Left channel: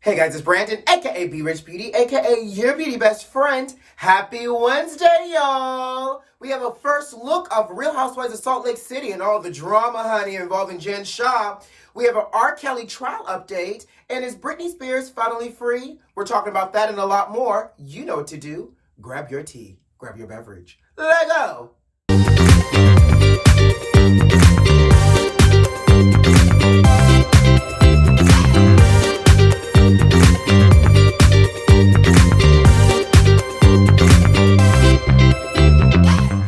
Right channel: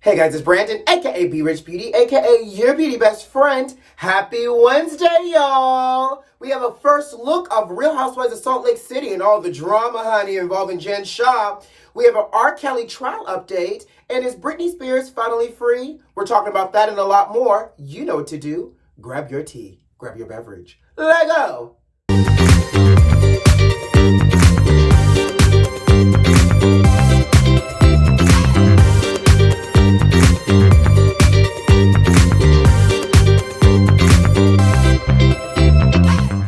Hey guys, it's Brandon, aka B.Rich Beauty, aka your beauty best friend. Happy Wednesday, y'all! We have a first look of Real Housewives of Salt Lake City and all the drama, honey, involving Jen Shah. We have an R.Kelly trial update, and is Britney Spears finally free? We're talking about that and a lot more. You know what to do. Grab your tea, grab your beverage. Let go!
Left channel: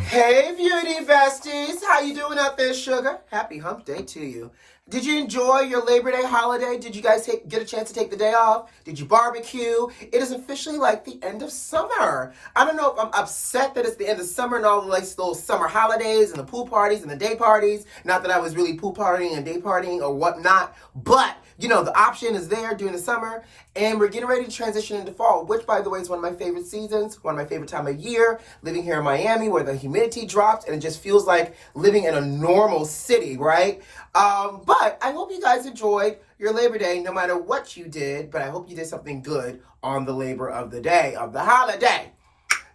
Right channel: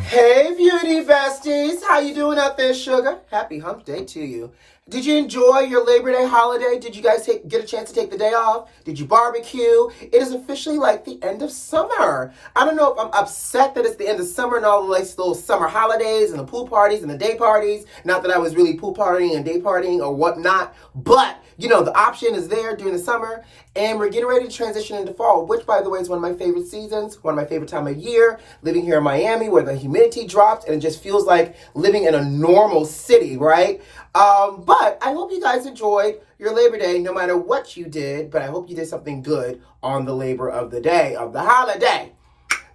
Hey beauty besties, how you doing out there, sugar? Happy hump day to you. Did you enjoy your Labor Day holiday? Did you guys get a chance to take the day off? Did you barbecue? It is officially like the end of summer. I don't know if I'm upset that it's the end of summer and all the like little summer holidays and the pool parties and the day parties. Not that I was really pool partying and day partying or whatnot, but you know, the option is there during the summer, and we're getting ready to transition into fall, which, by the way, is one of my favorite seasons, one of my favorite time of year, living here in Miami where the humidity drops and it just feels like living in a normal city, right? But I hope you guys enjoyed your Labor Day, no matter what you did, but I hope you did something good on the labor of the day, of the holiday.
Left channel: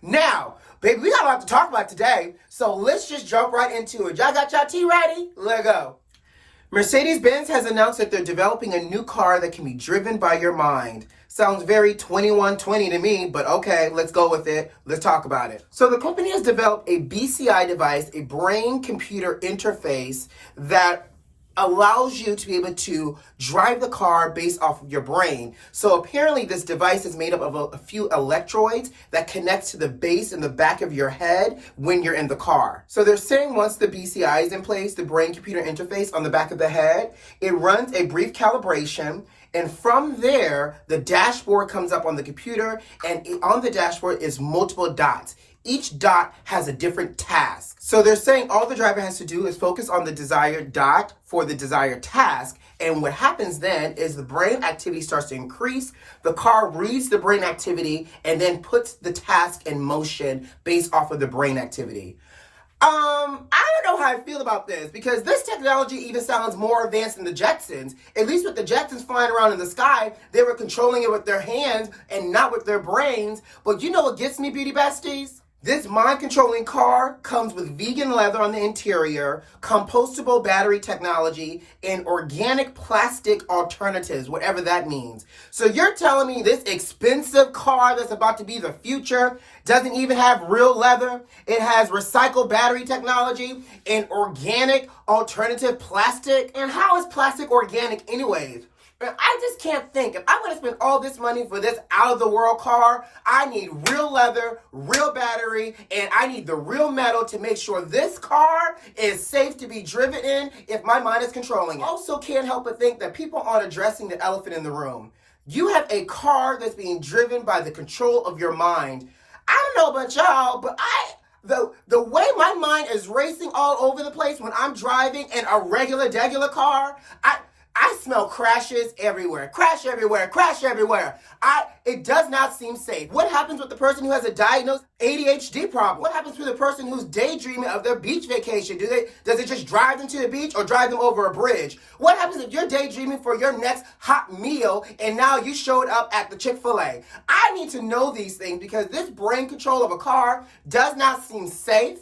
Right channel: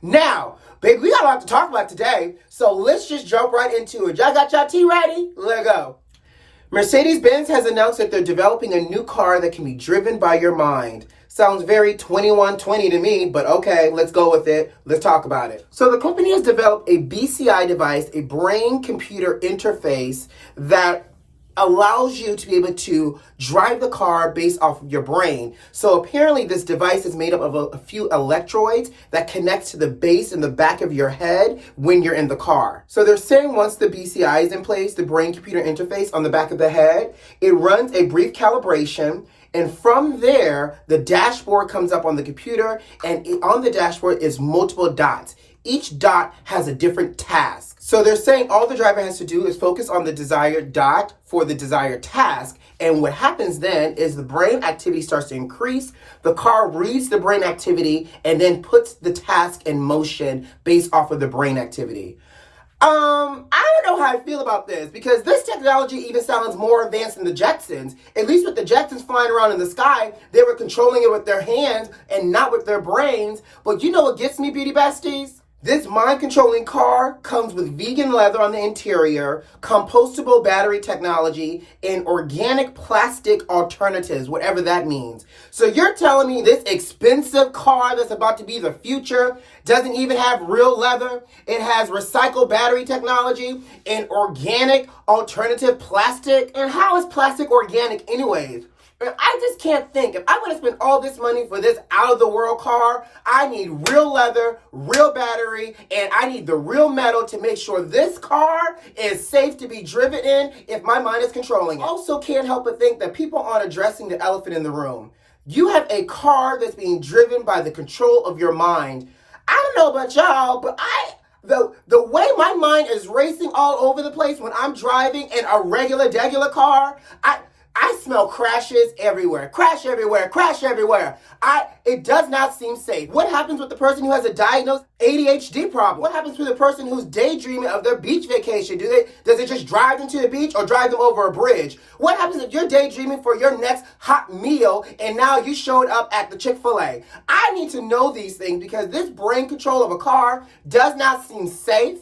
Now, baby, we got a lot to talk about today, so let's just jump right into it. Y'all got y'all tea ready? Let's go. Mercedes-Benz has announced that they're developing a new car that can be driven by your mind. Sounds very 2120 to me, but okay, let's go with it. Let's talk about it. So the company has developed a BCI device, a brain-computer interface that allows you to be able to drive the car based off of your brain. So apparently this device is made up of a few electrodes that connects to the base in the back of your head when you're in the car. So they're saying once the BCI is in place, the brain-computer interface on the back of the head, it runs a brief calibration, and from there, the dashboard comes up on the computer, and on the dashboard is multiple dots. Each dot has a different task. So they're saying all the driver has to do is focus on the desired dot for the desired task. And what happens then is the brain activity starts to increase. The car reads the brain activity and then puts the task in motion based off of the brain activity. I don't know how I feel about this because this technology even sounds more advanced than the Jetsons. At least with the Jetsons flying around in the sky, they were controlling it with their hands and not with their brains. But you know what gets me, beauty besties? This mind-controlling car comes with vegan leather on the interior, compostable battery technology, and organic plastic alternatives, whatever that means. So you're telling me this expensive car that's about to be the future doesn't even have real leather? It has recycled battery technology and organic alternative plastic? And how is plastic organic anyways? I just can't think. If I'm going to spend all this money for this out-of-the-world car, I need real leather, real battery, and I need the real metal to make sure this car is safe to be driven in if my mind is controlling it. I also can't help but think that people aren't addressing the elephant in the room. You have a car that's being driven by the control of your mind. I don't know about y'all, but the way my mind is racing all over the place when I'm driving in a regular car, I smell crashes everywhere. Crash everywhere. Crash everywhere. It does not seem safe. What happens with the person who has a diagnosed ADHD problem? What happens with the person who's daydreaming of their beach vacation? Does it just drive them to the beach or drive them over a bridge? What happens if you're daydreaming for your next hot meal and now you showed up at the Chick-fil-A? I need to know these things because this brain control of a car does not seem safe.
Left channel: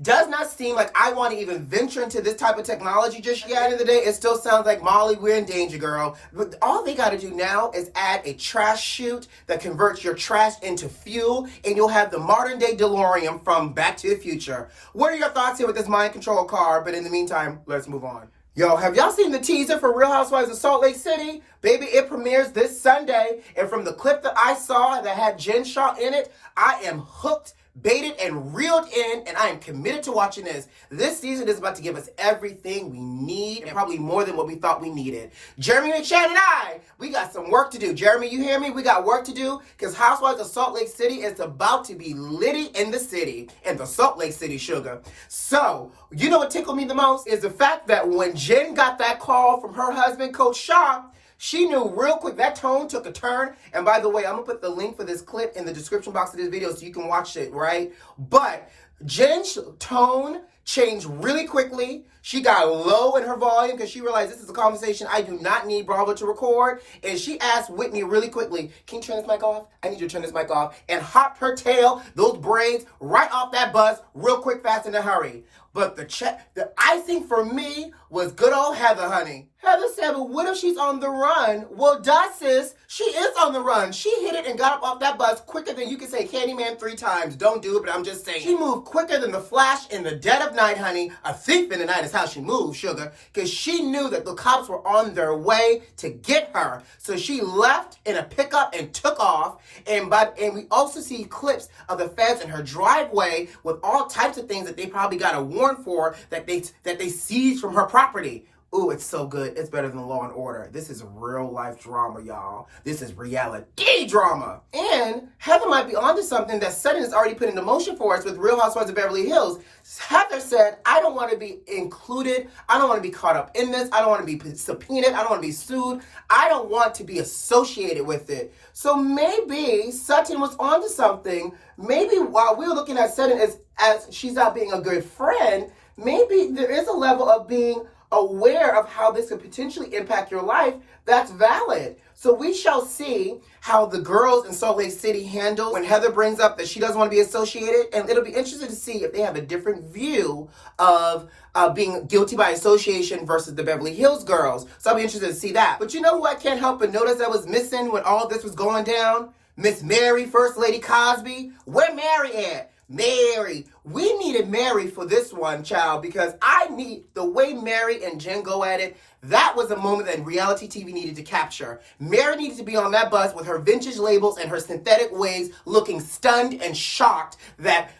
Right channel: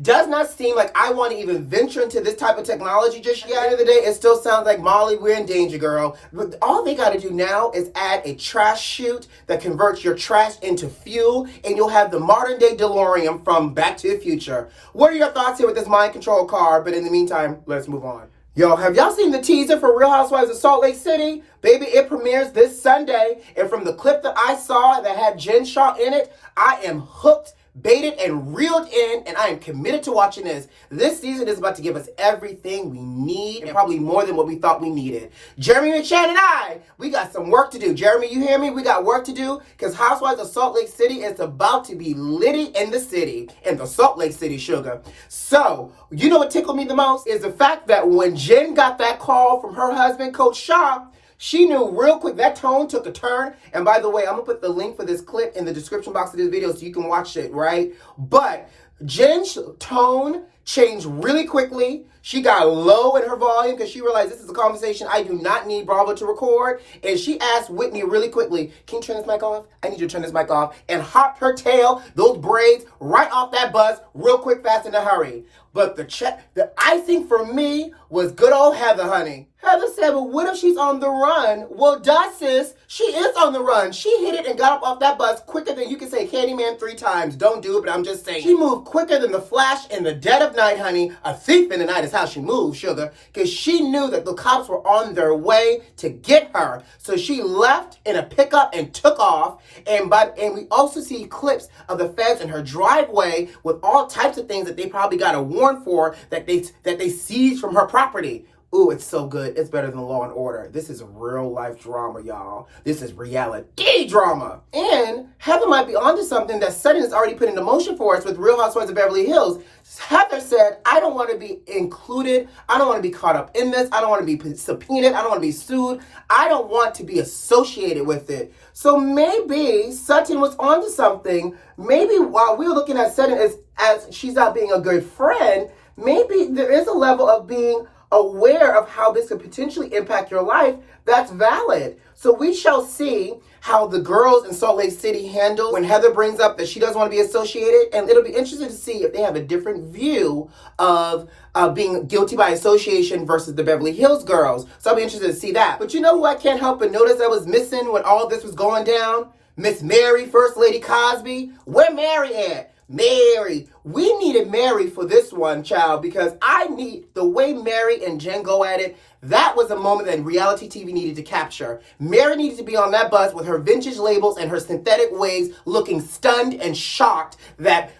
Does not seem like I want to even venture into this type of technology just yet. At the end of the day, it still sounds like, Molly, we're in danger, girl. But all they got to do now is add a trash chute that converts your trash into fuel, and you'll have the modern day DeLorean from Back to the Future. What are your thoughts here with this mind control car? But in the meantime, let's move on. Yo, have y'all seen the teaser for Real Housewives of Salt Lake City? Baby, it premieres this Sunday, and from the clip that I saw that had Jen Shah in it, I am hooked, baited, and reeled in, and I am committed to watching this. This season is about to give us everything we need, and probably more than what we thought we needed. Jeremy and Shannon and I, we got some work to do. Jeremy, you hear me? We got work to do, because Housewives of Salt Lake City is about to be litty in the city, in the Salt Lake City, sugar. So, you know what tickled me the most? Is the fact that when Jen got that call from her husband, Coach Shah, she knew real quick that tone took a turn. And by the way, I'm going to put the link for this clip in the description box of this video so you can watch it, right? But Jen's tone changed really quickly. She got low in her volume because she realized this is a conversation I do not need Bravo to record. And she asked Whitney really quickly, can you turn this mic off? I need you to turn this mic off. And hopped her tail, those braids, right off that bus real quick, fast, in a hurry. But the icing for me was good old Heather, honey. Heather said, well, what if she's on the run? Well, duh, sis, she is on the run. She hit it and got up off that bus quicker than you can say Candyman 3 times. Don't do it, but I'm just saying. She moved quicker than the Flash in the dead of night, honey. A thief in the night is how she moved, sugar, because she knew that the cops were on their way to get her. So she left in a pickup and took off. And we also see clips of the feds in her driveway with all types of things that they probably got a warrant for that they seized from her property. Ooh, it's so good. It's better than Law and Order. This is real life drama, y'all. This is reality drama. And Heather might be onto something that Sutton has already put into motion for us with Real Housewives of Beverly Hills. Heather said, I don't want to be included. I don't want to be caught up in this. I don't want to be subpoenaed. I don't want to be sued. I don't want to be associated with it. So maybe Sutton was onto something. Maybe while we were looking at Sutton as she's not being a good friend, maybe there is a level of being aware of how this could potentially impact your life that's valid. So we shall see how the girls in Salt Lake City handle when Heather brings up that she doesn't want to be associated, and it'll be interesting to see if they have a different view of being guilty by association versus the Beverly Hills girls. So I'll be interested to see that. But you know who I can't help but notice that was missing when all this was going down? Miss Mary, First Lady Cosby. Where Mary at? Mary. We needed Mary for this one, child, because I need the way Mary and Jen go at it. That was a moment that reality TV needed to capture. Mary needed to be on that bus with her vintage labels and her synthetic wigs, looking stunned and shocked that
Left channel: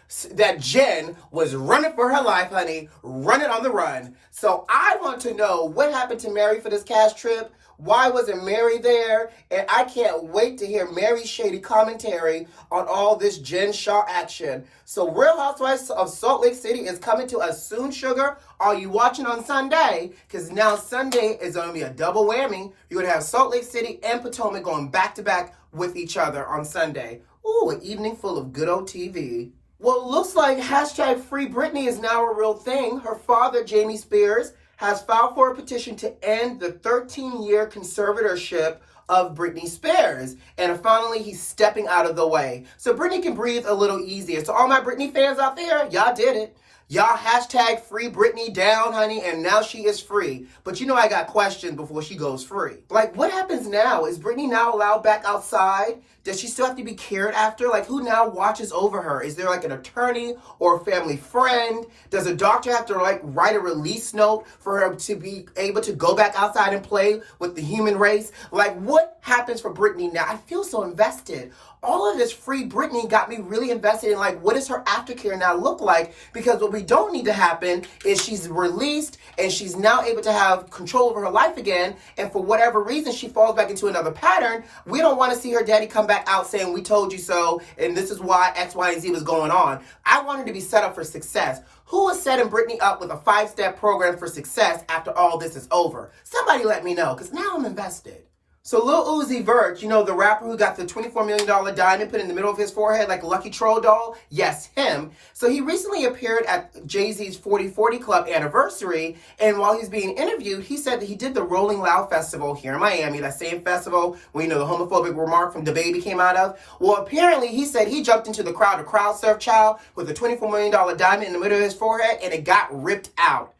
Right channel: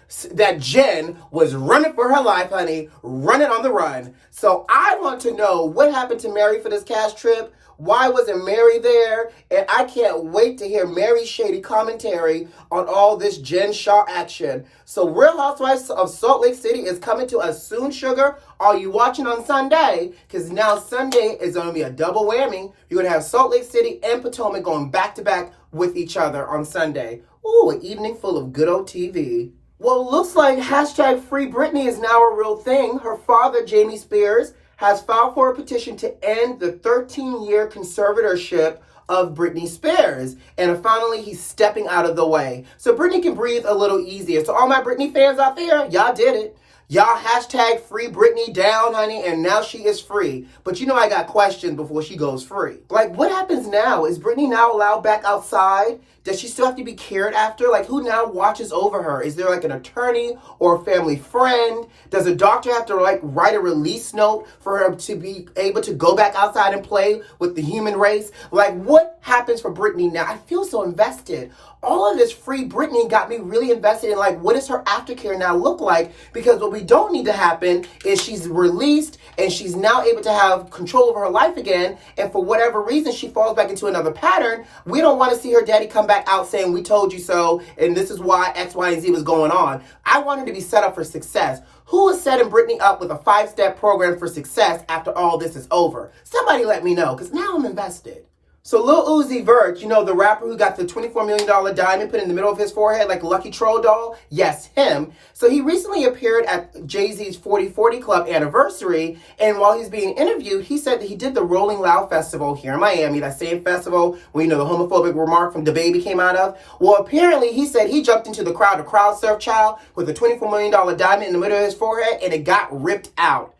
Jen was running for her life, honey, running on the run. So I want to know what happened to Mary for this cast trip. Why wasn't Mary there? And I can't wait to hear Mary's shady commentary on all this Jen Shaw action. So Real Housewives of Salt Lake City is coming to us soon, sugar. Are you watching on Sunday? Because now Sunday is going to be a double whammy. You're going to have Salt Lake City and Potomac going back to back with each other on Sunday. Ooh, an evening full of good old TV. Well, it looks like hashtag Free Britney is now a real thing. Her father, Jamie Spears, has filed for a petition to end the 13-year conservatorship of Britney Spears. And finally, he's stepping out of the way. So Britney can breathe a little easier. So all my Britney fans out there, y'all did it. Y'all hashtag Free Britney down, honey, and now she is free. But you know I got questions before she goes free. Like, what happens now? Is Britney now allowed back outside? Does she still have to be cared after? Like, who now watches over her? Is there like an attorney or a family friend? Does a doctor have to like write a release note for her to be able to go back outside and play with the human race? Like, what happens for Britney now? I feel so invested. All of this Free Britney got me really invested in, like, what does her aftercare now look like? Because what we don't need to happen is she's released and she's now able to have control over her life again. And for whatever reason, she falls back into another pattern. We don't want to see her daddy come back out saying, we told you so, and this is why X, Y, and Z was going on. I want her to be set up for success. Who is setting Britney up with a 5-step program for success after all this is over? Somebody let me know, because now I'm invested. So Lil Uzi Vert, you know, the rapper who got the $24 million diamond put in the middle of his forehead like a Lucky Troll doll? Yes, him. So he recently appeared at Jay-Z's 4040 Club anniversary, and while he's being interviewed, he said that he did the Rolling Loud Festival here in Miami, that same festival where, you know, the homophobic remark from DaBaby came out of. Well, apparently he said he jumped into the crowd to crowd surf, child, with a $24 million diamond in the middle of his forehead, and it got ripped out.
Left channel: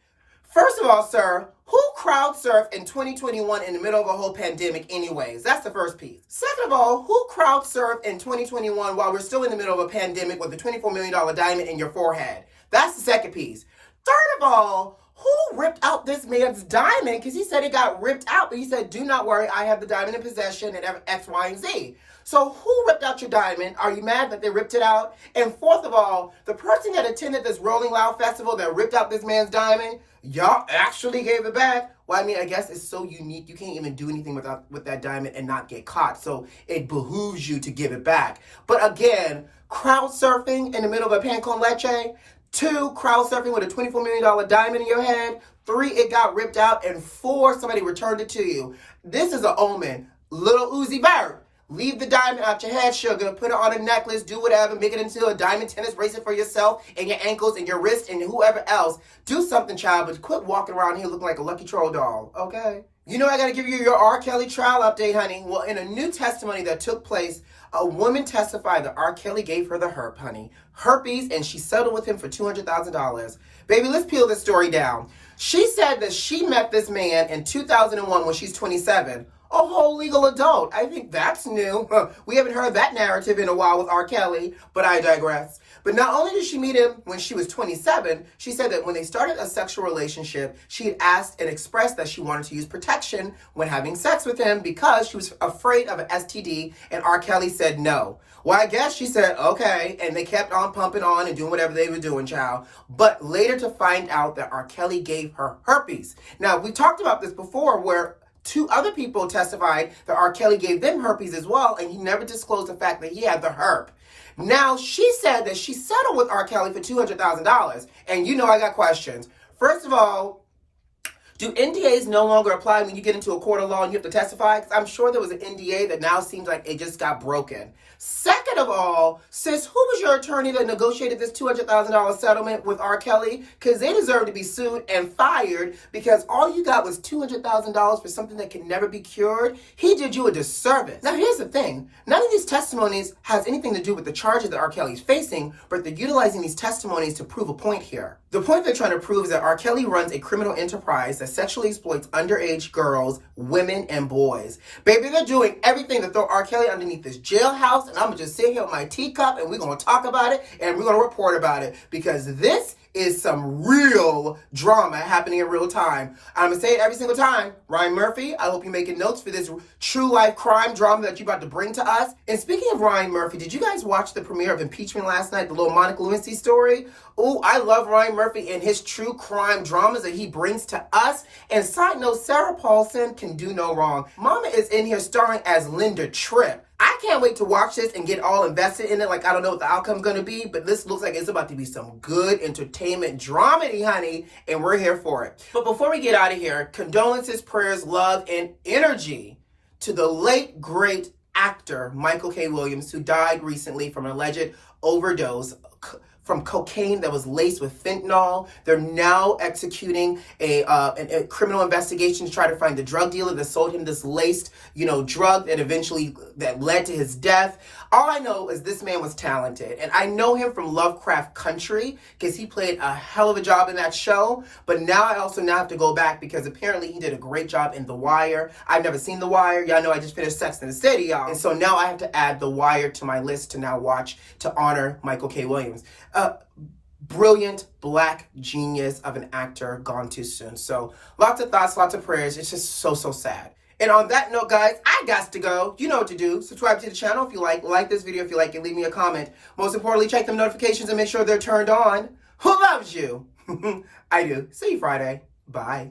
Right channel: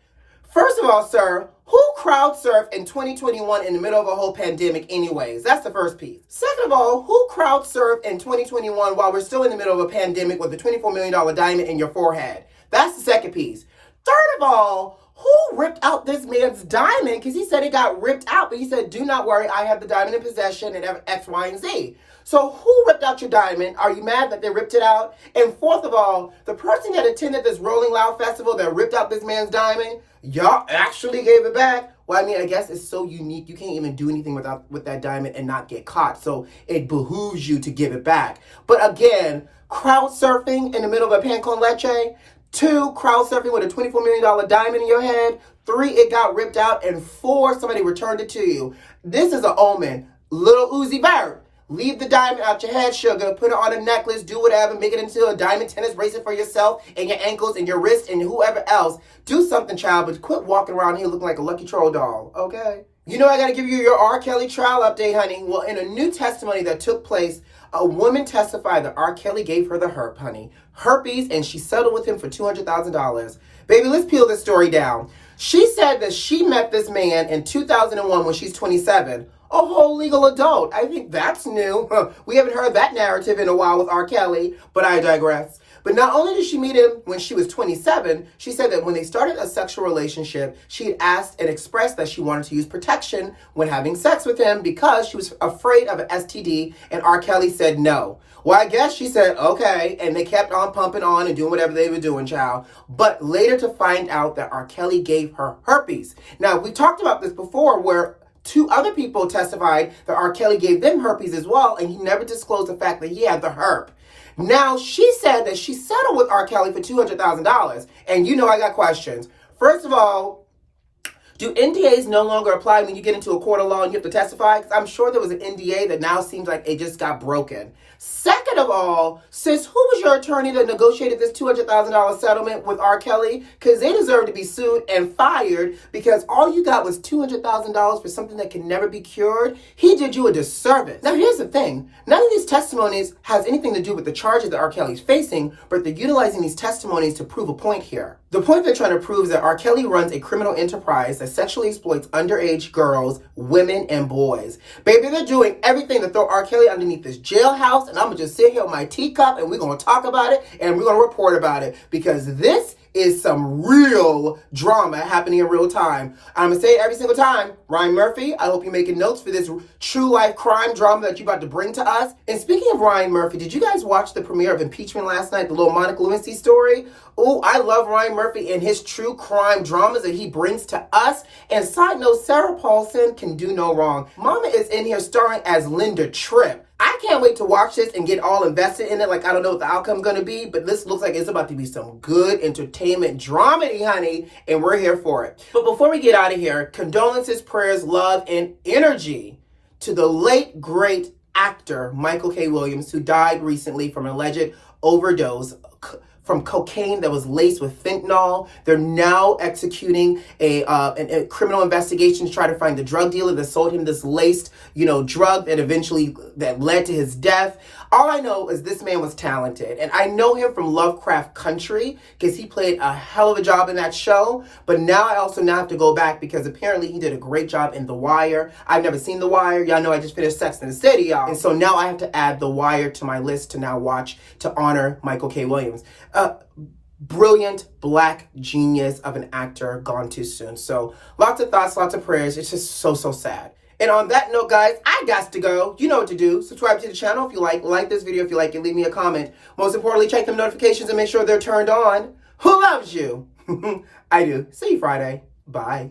First of all, sir, who crowd surfed in 2021 in the middle of a whole pandemic anyways? That's the first piece. Second of all, who crowd surfed in 2021 while we're still in the middle of a pandemic with a $24 million diamond in your forehead? That's the second piece. Third of all, who ripped out this man's diamond? Because he said it got ripped out, but he said, do not worry, I have the diamond in possession and X, Y, and Z. So who ripped out your diamond? Are you mad that they ripped it out? And fourth of all, the person that attended this Rolling Loud Festival that ripped out this man's diamond, y'all actually gave it back? Well, I mean, I guess it's so unique. You can't even do anything with that diamond and not get caught. So it behooves you to give it back. But again, crowd surfing in the middle of a pan con leche. 2, crowd surfing with a $24 million diamond in your head. 3, it got ripped out. And 4, somebody returned it to you. This is an omen. Lil Uzi Vert, Leave the diamond out your head, sugar. Put it on a necklace, do whatever. Make it into a diamond tennis bracelet for yourself and your ankles and your wrists and whoever else. Do something, child, but quit walking around here looking like a Lucky Troll doll, okay? You know I gotta give you your R. Kelly trial update, honey. Well, in a new testimony that took place, a woman testified that R. Kelly gave her the herp, honey. Herpes, and she settled with him for $200,000. Baby, let's peel this story down. She said that she met this man in 2001 when she's 27. A whole legal adult. I think that's new. We haven't heard that narrative in a while with R. Kelly, but I digress. But not only did she meet him when she was 27, she said that when they started a sexual relationship, she had asked and expressed that she wanted to use protection when having sex with him because she was afraid of an STD, and R. Kelly said no. Well, I guess she said, okay, and they kept on pumping on and doing whatever they were doing, child. But later to find out that R. Kelly gave her herpes. Now, we talked about this before where 2 other people testified that R. Kelly gave them herpes as well, and he never disclosed the fact that he had the herp. Now, she said that she settled with R. Kelly for $200,000. And you know I got questions. First of all, do NDAs no longer apply when you get into a court of law and you have to testify? Because I'm sure there was an NDA that now seems like it just got broken. Second of all, sis, who was your attorney that negotiated this $200,000 settlement with R. Kelly? Because they deserve to be sued and fired because all you got was $200,000 for something that can never be cured. He did you a disservice. Now, here's the thing. None of these testimonies has anything to do with the charges that R. Kelly's facing, but they're utilizing these testimonies to prove a point here. The point they're trying to prove is that R. Kelly runs a criminal enterprise that sexually exploits underage girls, women, and boys. Baby, they're doing everything to throw R. Kelly underneath this jailhouse, and I'm going to just sit here with my teacup, and we're going to talk about it, and we're going to report about it, because this is some real drama happening in real time. I'm going to say it every single time. Ryan Murphy, I hope you're making notes for this true life crime drama that you're about to bring to us. And speaking of Ryan Murphy, did you guys watch the premiere of Impeachment last night, the little Monica Lewinsky story? Oh, I love Ryan Murphy and his true crime dramas that he brings to us. And side note, Sarah Paulson can do no wrong. Mama is in here starring as Linda Tripp. I can't wait to watch this and get all invested in it. Like, I don't know what the outcome's going to be, but this looks like it's about to be some good entertainment dramedy, honey, and we're here for it. But before we get out of here, condolences, prayers, love, and energy to the late, great actor Michael K. Williams, who died recently from an alleged overdose from cocaine that was laced with fentanyl. They're now executing a criminal investigation to try to find the drug dealer that sold him this laced, drug that led to his death. All I know is this man was talented, and I know him from Lovecraft Country because he played a hell of a job in that show. But now I also have to go back because apparently he did a great job in The Wire. I've never seen The Wire. Y'all know I just finished Sex and the City, y'all. And so now I have to add The Wire to my list to now watch to honor Michael K. Williams. Brilliant black genius of an actor gone too soon. So lots of thoughts, lots of prayers. It's just so sad. And on that note, guys, I got to go. You know what to do. Subscribe to the channel if you like this video if you like it, leave me a comment. Most importantly, check them notifications and make sure they're turned on. Who loves you? I do. See you Friday. Bye.